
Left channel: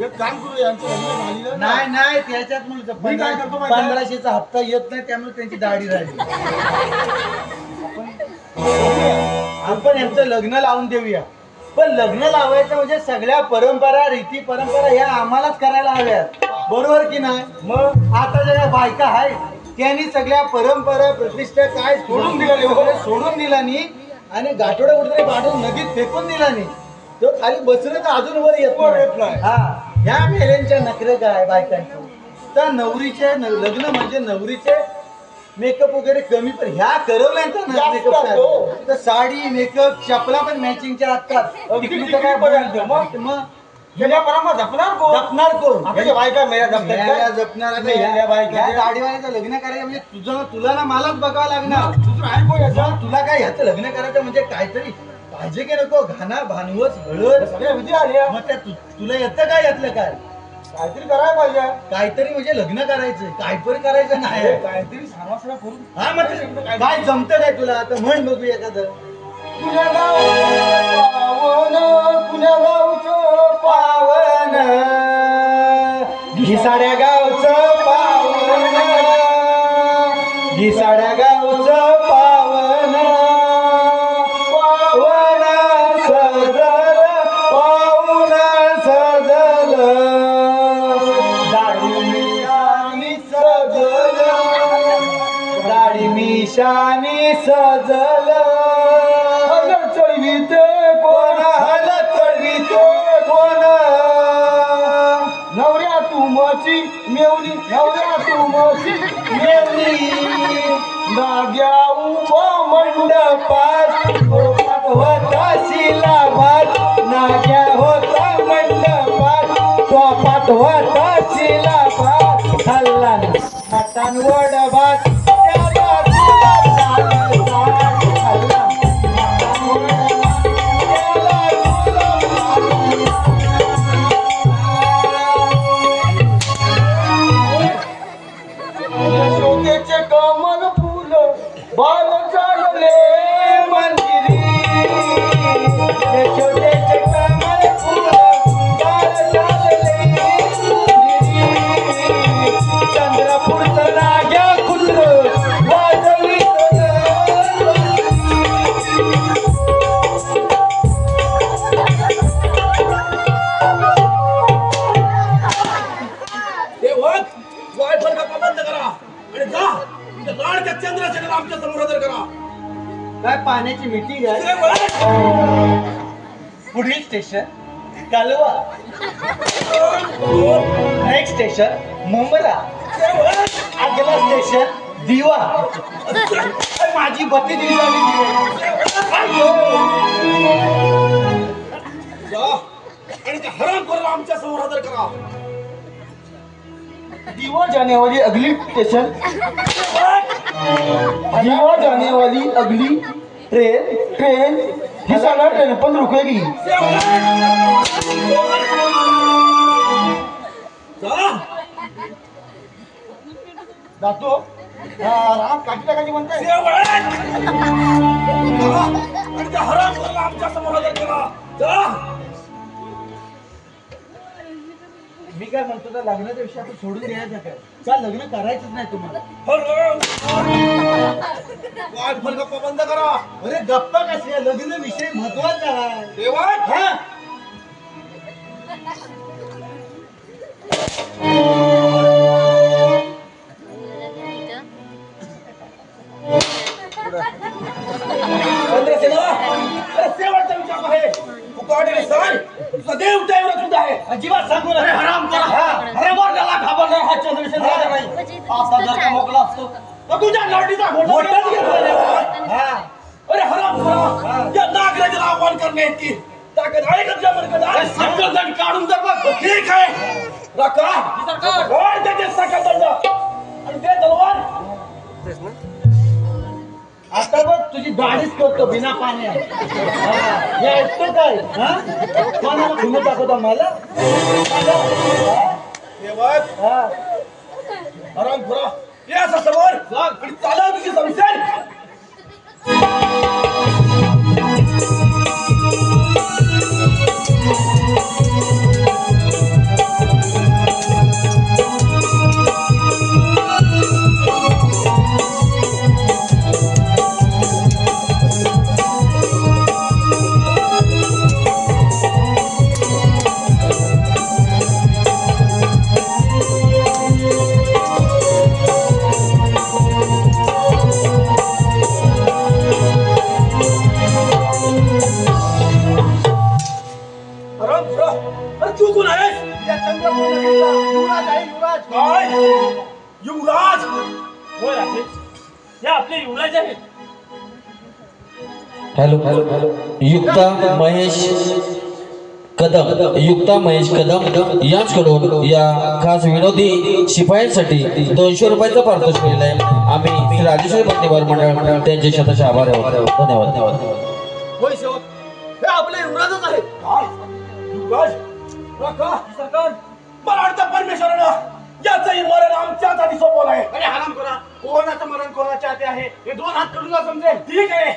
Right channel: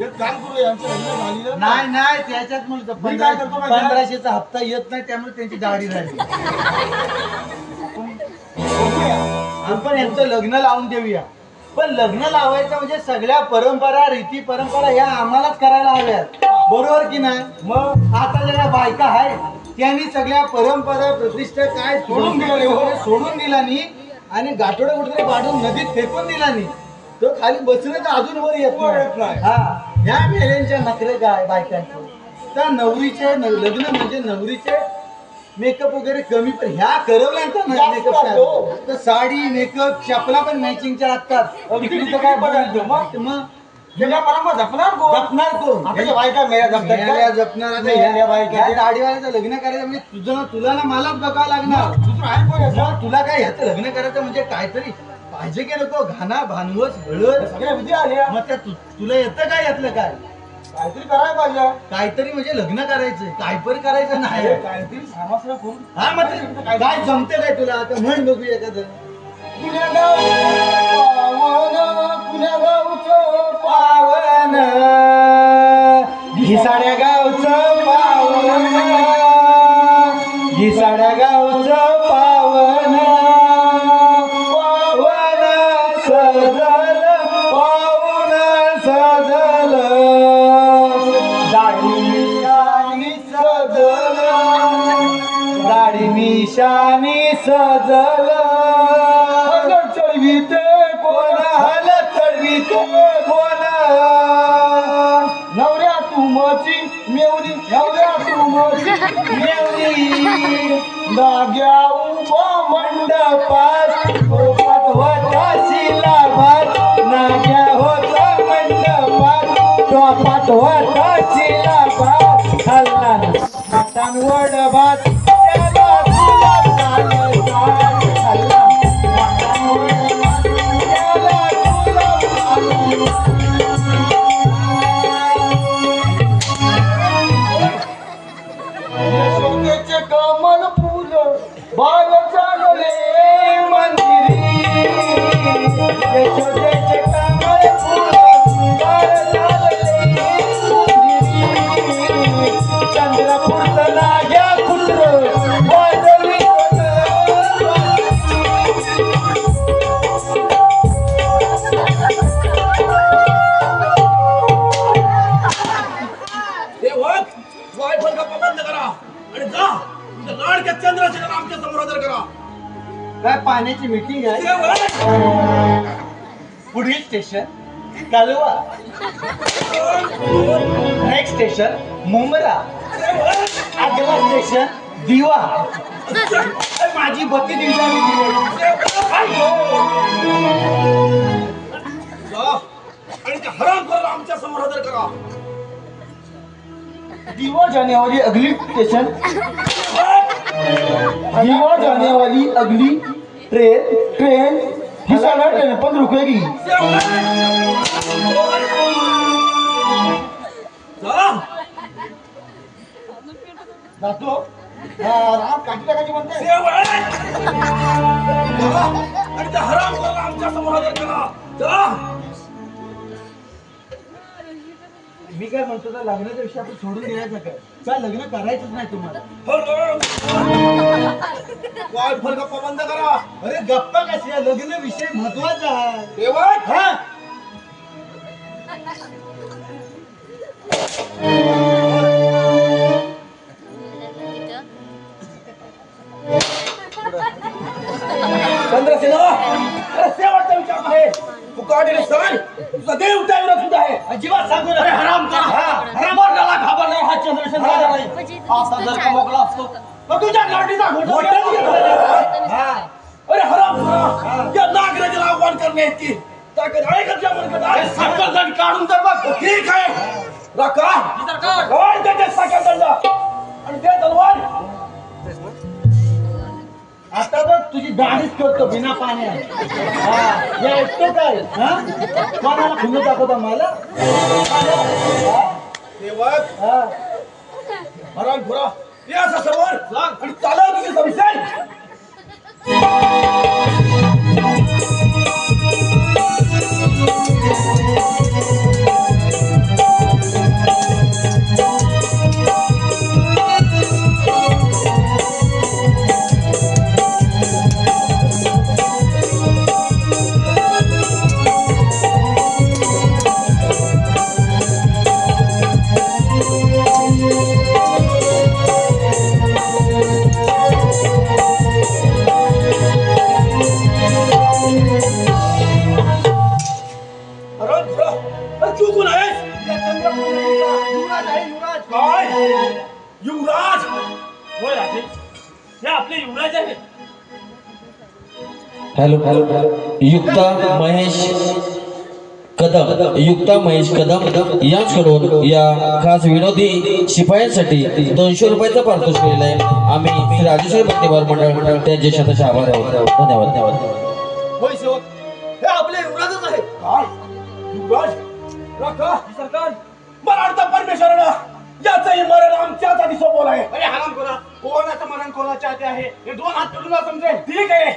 एक काम करू यांचं लग्न झालेलं नाही नाही त्याच्यात म्हणतो मी काय करतो माहिती आहे? 1500चा हप्ता येत नाही त्यामुळे त्यांची दाढी राहिली. आपण यांचं लग्न लावून देऊया. पण लग्न लावायचं म्हणजे सगळ्या परंपरा रीती परंपरा ह्या आम्हालाच करायला हव्यात. बरोबर की नाही? मग आता ज्या बायका आहेत त्यांनी सगळ्या परंपरा प्रतिष्ठा काय सोडून दिला सोडून दिला नाही आणि गाठोडा कुठेतरी पाडून नदीत फेकून दिला नाही. तो खाली बसलं तर अजून वर येत नाही. हा ह्या मेल्यांच्या नखरे काय बायकांचे तर नवरीचे लग्न म्हणजे नवरीचे मेकअप वगैरे कमी पण ह्या करवल्यांचा मेकअप तर साडी मेकअप चपला पण मॅचिंगच्या लागतात. तिकडे तर काय बोलायचं मग परंपरा जपणार कोण जपणार कोण? आपल्या बायका मेल्या जपतात काय? मेल्या जपणार. आता मेल्या बायका. ह्या गाडीवाल्याचं लग्न करायचं म्हणजे तुला ना मलाच बघावं लागणार. दुसरं आहे कोण याचं? मग तुला काय ह्याचं लग्न करायचं म्हणजे काहीतरी पाहिजे की नको घाना भानवस हळद सगळ्या विधी आल्या मग त्या तुला येतं काय यातलं काय? काहीतरी करायला पाहिजे काहीतरी म्हणजे लग्न करायचं काय पण करायचं नाही. काहीतरी सांगा करून हा मग ते काय जमतं काय तुला? आता म्हण बघू एखादं. पुण्या गावचं पावन पुण्या गावचं पावन घिसाड्या गावचं पावन घिसाड्या गावचं पावन पावन सजल पावन सजल दाढी मिशानी सजल दाढी मिशानी सजल चढविते कोण हल चढविते कोण नवऱ्या तुमची मेवणी नवऱ्या तुमची मेवणी नाग्या उभा मंडपात गोपात होता शिलाभात नाग्या होता मंडपात गोपात होता शिलाभात खाल्ला मटण वडभात त्याला गुलाब झालं साठ खाल्ला मटण वडभात त्याला गुलाब झालं यशोदेचे कमल फुल बाल चालले मंदिरी यशोदेचे कमल फूल बाळ चालले मंदिरी चंद्रपूरचं नाग्या कुत्र वाजवीत तेव्हा वायफळ गप्पा बंद करा आणि जा तुमच्या लाडक्या चंद्राचे नाव आमच्या समोर हजर करा. काय पाण्याची मीटिंग आहे? तेव्हा पुढील स्टेशन कालवा नेक्स्ट स्टेशन मुंबरा अगला स्टेशन दिवा अरे माझी बत्ती दिली जा आणि त्या हरामखोराला आमच्या समोर हजर करा. दीवा जाने वाली अगली स्टेशन दीवा जाने वाली अगली ट्रेन ही साढ़े ट्रेन पण रुकेगी जा जातो राम काठी टाकायची म्हणताय तेव्हा आणि त्या हरामखोराला आमच्या समोर हजर करा. जा मी काय म्हणतो तर लग्नाच्या विषय आपण सोडून द्यायचं काय? का लग्न करायचंच नाही तुम्हाला? वायफळ गप्पा बंद करा. अरे गप्पा कशा लग्न विषय महत्वाचा आहे. तेव्हा हा चंद्रसेना अरे शेवटचा विचार आहे. तू काढेल सर तुझा देव त्यावर सुद्धा आहे. अजिबात सांगू नका. हराम करा हरामखोराला घाबरणार हा चंद्रसेना राजा नाही. आता जर का मोकळा असतो तर तुझ्या लाडीचा घोटाच घेतला नाही. हा अरे हराम करा या नागराजाला आव्हान करणे इतकी ताकद आहे का तुझ्या मनात? आहे साखर दंड काढून जर बघ ठीक आहे राखा सरकार त्याचे साखर दंड आणि ते तलवार आता बघ तुझी दाढीच करतो बिना पाण्यात. हा, हे ऐकतो काय? हा, कोणाला खुणं दाखवतो मला? सेवक हा, आराम खुरा या असं समोर आणि चाला तुम्ही समजेल. आराम खुरा अरे तू कोण आहेस? या चंद्रपूर नगरीचा युवराज आहे, युवराज. काय युवराज? होय राजे, हे आपले युवराज आहेत. हॅलो युक्ता महेश कदम यांच्याकडून या खास विनोदी शिपायांसाठी 200 रुपयाचा पारितोषिक मिळाले आहे. आम्ही श्री राजेश्वरी बंदीवार मंडळ त्यांचे शतश आभार आहोत. धन्यवाद. होय सेवक हे आपले युवराजच आहे. काय युवराज? रका सरकार, मराठा परमेश्वरानं याचंही मरण आमच्याच आधी सोपवलं आहे. अरे हराम करा, कोणाचं मरण कोणाच्या हाती आहे हे 2 हात करून समजेल. ठीक आहे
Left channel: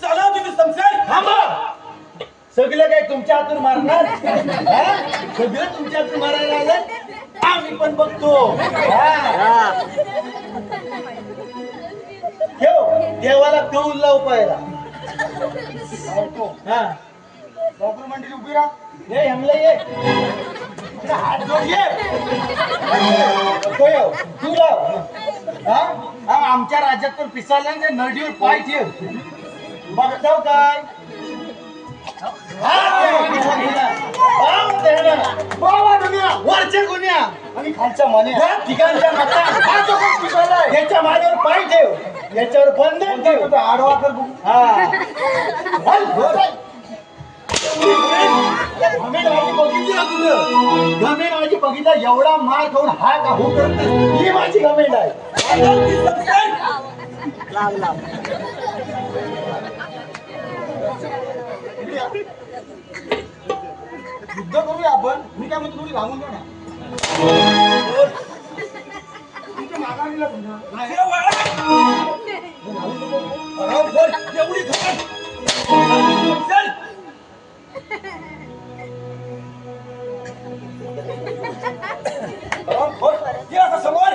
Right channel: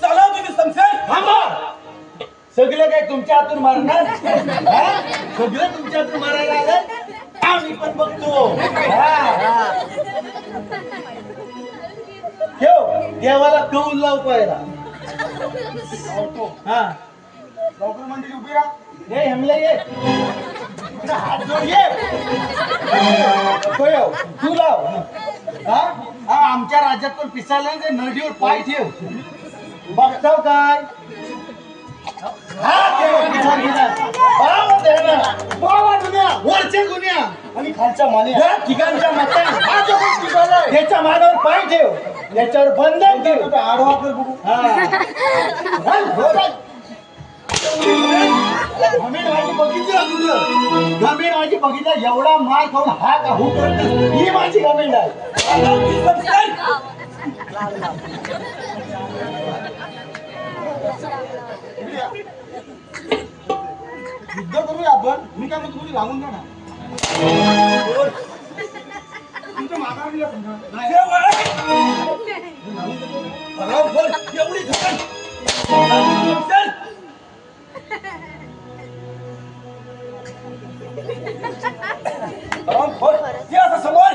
चला तुम्ही समजेल. थांबा, सगळं काय तुमच्या हातून मारणार? हा? सगळं तुमच्या हातून मारायला आलं? आम्ही पण बघतो. हा. ठेव देवाला कौल लाव पाहिला. हा, नोकर मंडळी उभी राहा. ये हेमले ये, तुझा हात जोड ये. कोयो, तू लाव. हा? हा, आमच्या राज्यात पण पिसायला नाही, नडीवर पाय ठेव. बघताव काय? हात ठेव. बाव देणार. बावा दुनिया, वरच्या गुन्ह्या आणि खालच्या मान्या या ठिकाणच्या मतान हा जो कोण पिसायलाय त्याच्या मानावर पाय ठेव, त्याच्यावर बंधन ठेव. आडवा कर बघू. हा, घमेंड माझी बघितली का तुझं? घमेंड माझी बघितला, एवढा मार खाऊन हा का हो करत नाही. ही माझी घमेंड आहे. युद्ध करूया आपण. मी काय म्हणतो थोडी लावून जा ना. तुमच्या मागावीला एवढी घटन समोर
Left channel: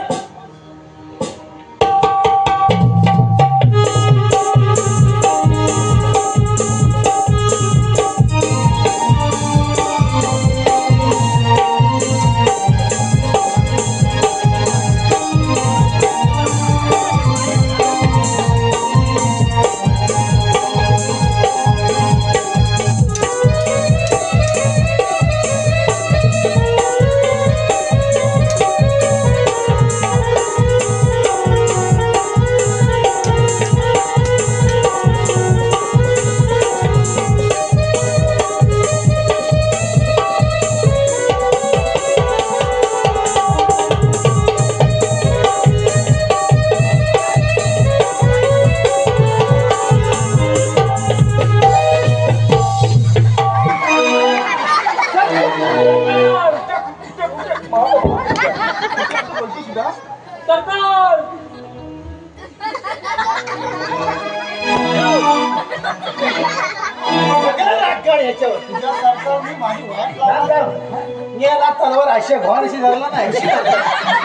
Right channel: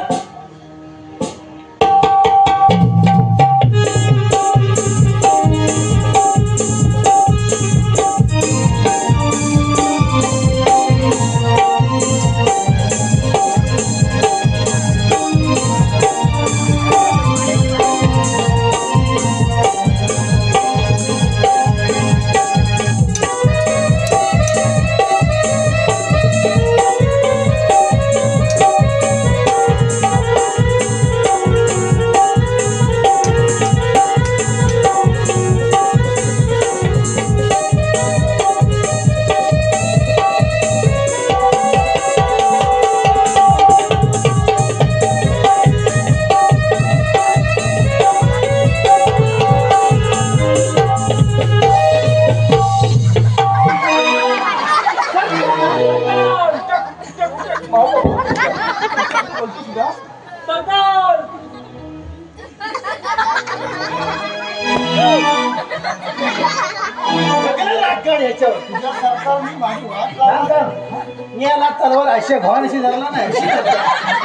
याला तलवार अशी घाण अशी धरला नाही,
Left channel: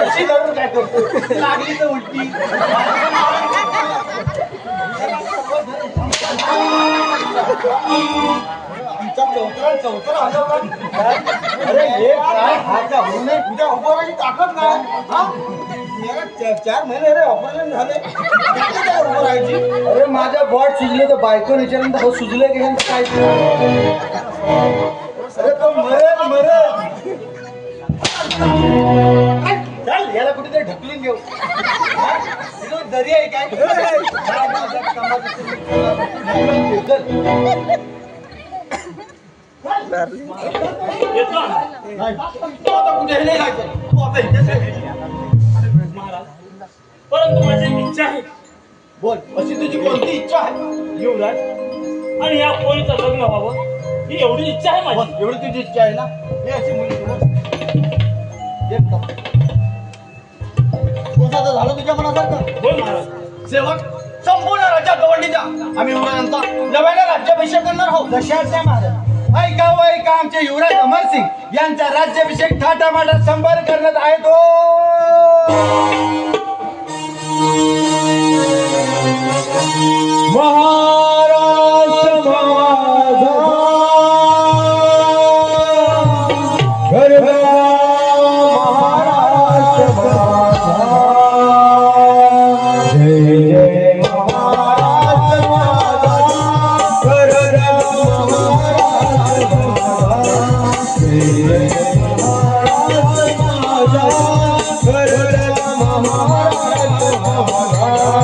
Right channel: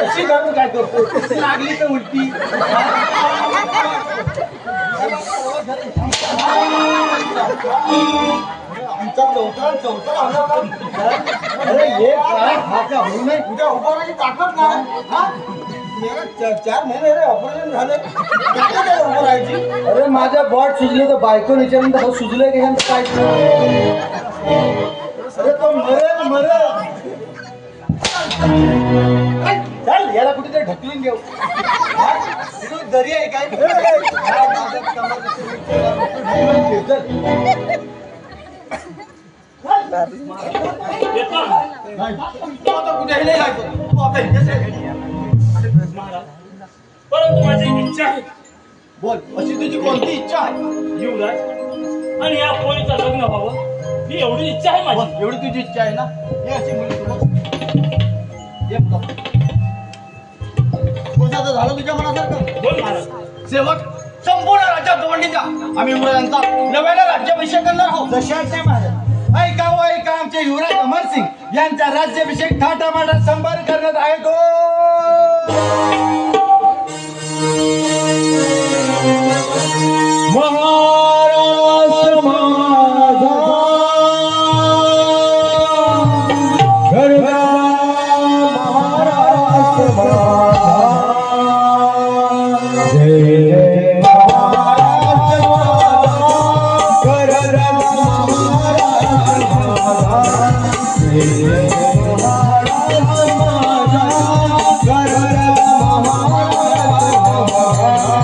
अशी धरून काय करतो? लागली तर उलटी. आमचा चौथरा आला. अरे हे काय हा का होऊ नये. तुझ्या उपराची ताकद नाही. हा? मेरा 4 महिने रे ऑपरेशन झाले. किती काय उभं राहायची? अरे माझ्या बॉट सुजले तर बायको विचारलं सुजले की ह्यांचं काय? अरे तो मरल. चल याला कुठेतरी ढकलून घेऊ. तिथं दरी आहे काय? काय माझ्या कामाचं चल. येतो आता कुठेही नाही जायचं. तू आता इथेच आहे. महाराज, परंतु माझी एक इच्छा आहे. बोल, अशी तुझी कोणती इच्छा आहे? युवराज, आणि या पोरीचं लग्न व्हावं ही एवढी इच्छा आहे माझी. बस, एवढी तुझी इच्छा आहे ना? हे अशी मुली तुला एक बघ. कोणता तर झालं तुझ्या मनासारखं? बोल महाराज. सेवक, संपूर्ण राज्यात दवंडी द्या. आम्ही युवराजांचा नव्याने राज्याभिषेक करणार आहोत. दशात नाही महाराज. ऐका हो ऐका, आमचे युवराज अमरसिंग यांचा राज्याभिषेक थाटामाटात संभार करण्यात आहे तो. महाराष्ट्र माझा गरजा, महाराष्ट्र माझा जय जय महाराष्ट्र माझा गरजा, महाराष्ट्र माझा जय जय महाराष्ट्र माझा गरजा, महाराष्ट्र माझा.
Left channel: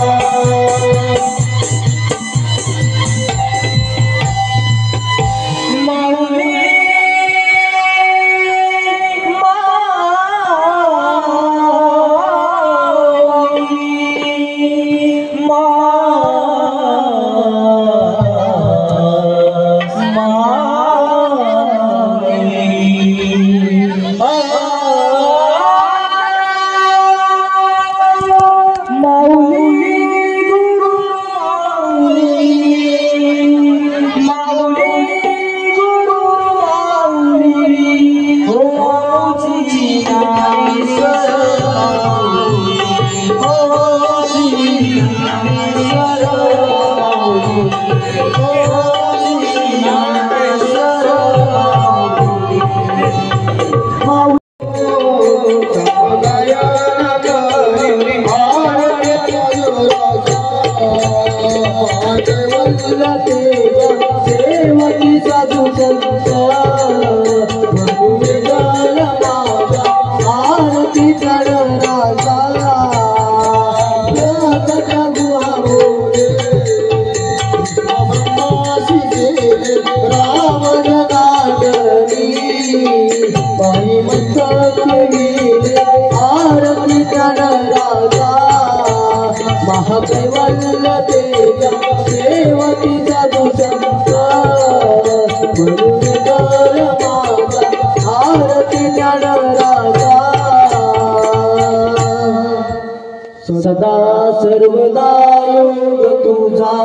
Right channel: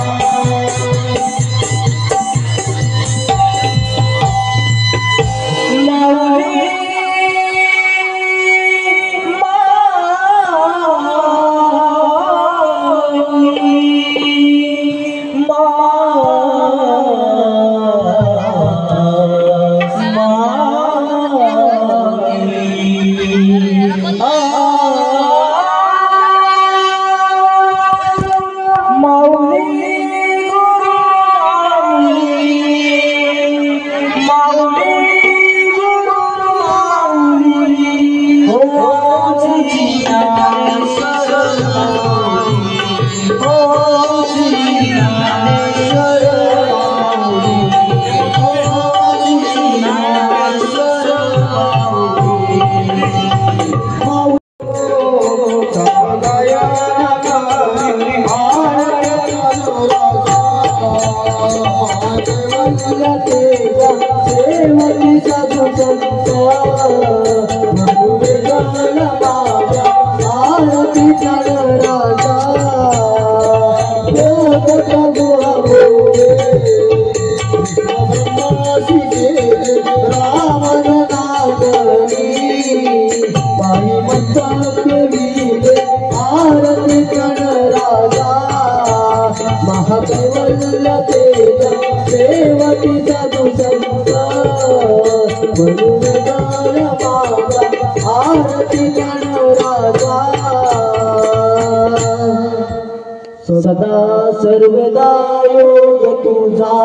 सदा सर्वदा योग तुझा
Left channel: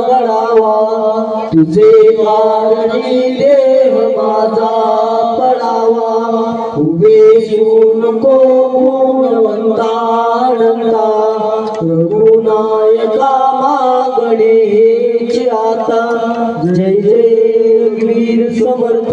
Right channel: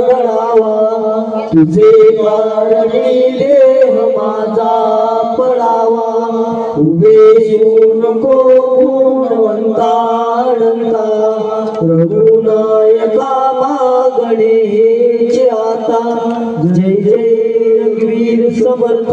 गडावा, तुझे कारणी देह माझा पडावा. उभे नको गुणवंता अनंता, रघुनायका मागणे हेच आता. जय जय वीर समर्थ